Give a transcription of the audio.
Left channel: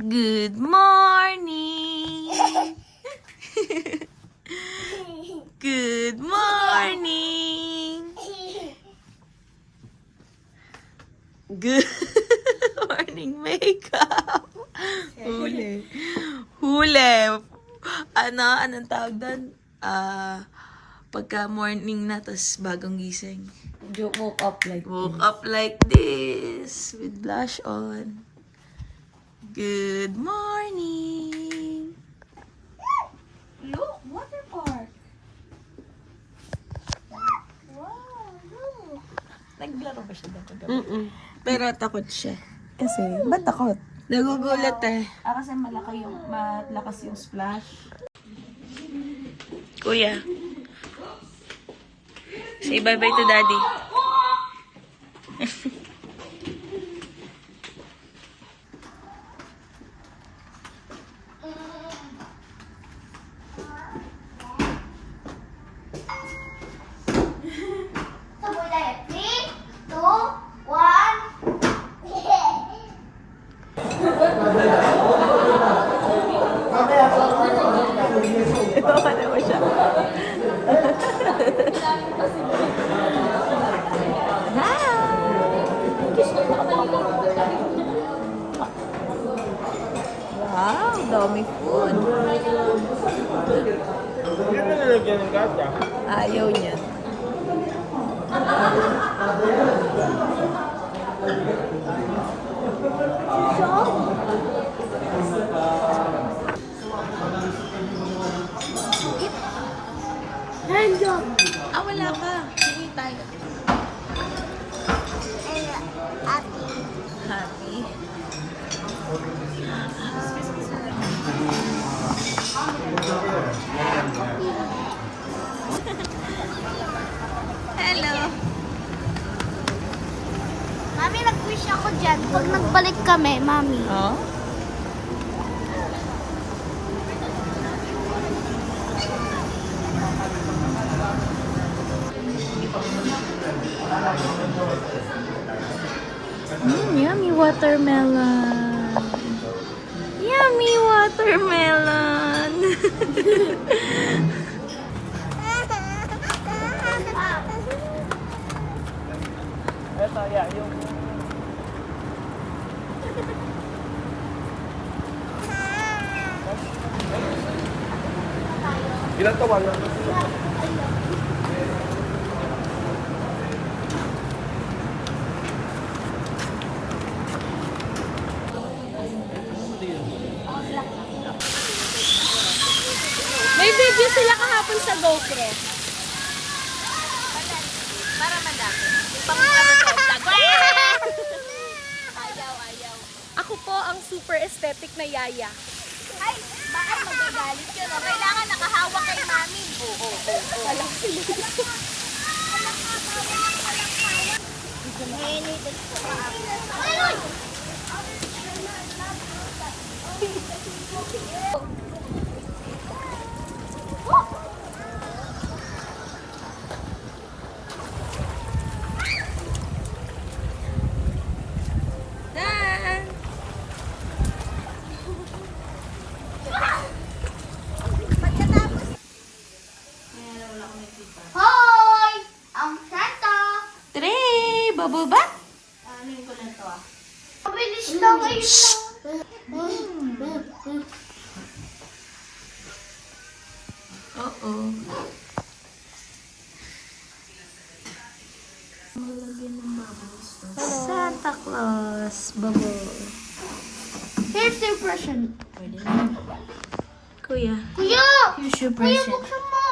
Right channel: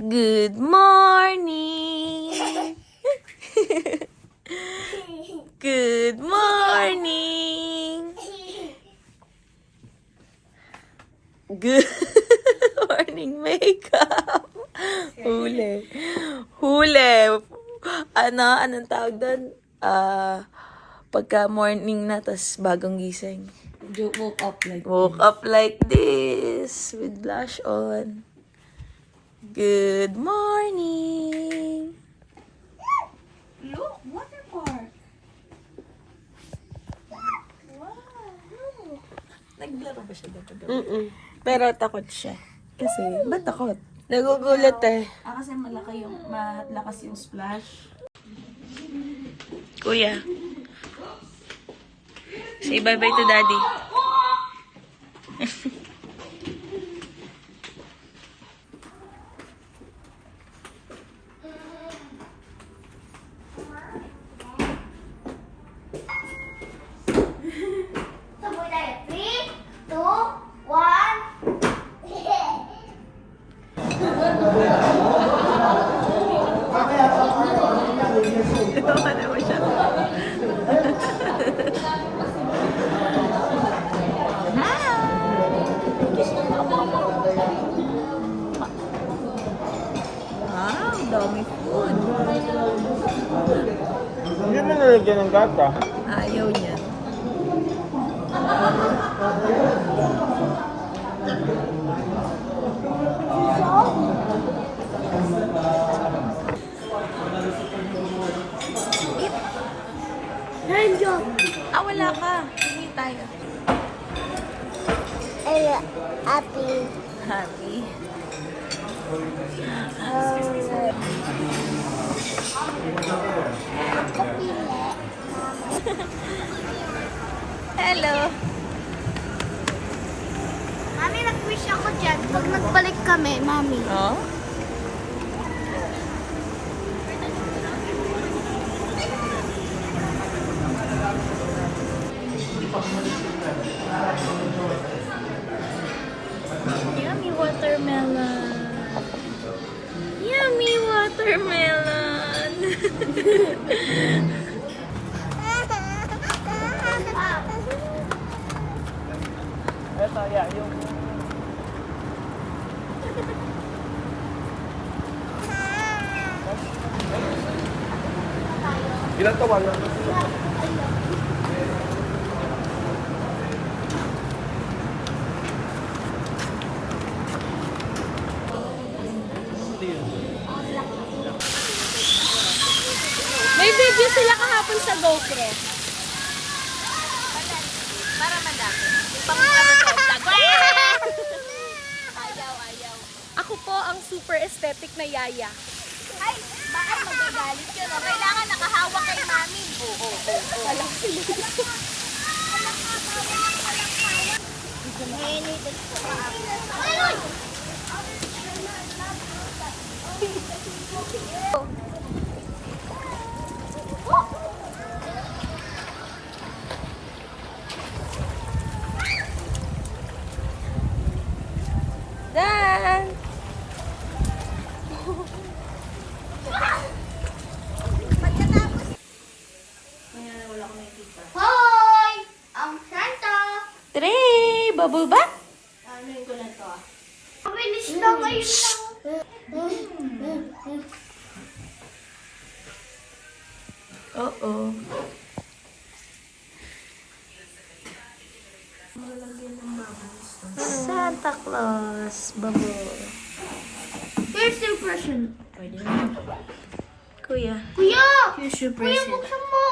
Good morning! Good morning! Good morning, makeup! Huli. Anong tawag doon? Pagka morning na, tas bagong gising. Woke up like this, with blush on. Good morning! Look, water park. Wow, look. Naglaro ba siya dito? Pero takot siya. Kasi, ba't takot? Nagugulat eh. Kasi malakas yung splash. Kuya. Say bye-bye to daddy. Hindi mo nalagyan ng gata. Ayaw niya. Handjob. Wala ka. Hindi tayo. Happy. Happy. Hello. Mami, nag-wish ako dyan. Pag nagbalik kami, Mami. Oh? Yummy watermelon. Yummy watermelon. Eto, yeah, yung... Ilan tawan na? May video sila kahapon sa GoPro. Para madami. Pang-vlog. Ayaw. Ako po ang super aesthetic na yaya. Ay, baka magagalit yun. O, kailangan nakahawak kay mami. Oo. Alam sila. Dan! Hoy! Ang Santa! Trey! Bubble bath? Ano ko na to? Mabilis na ngayon. Oo. Santa Claus. Bubble. Here's your present. Kuya. Kuya! Here's your Kuya, present. buksan mo!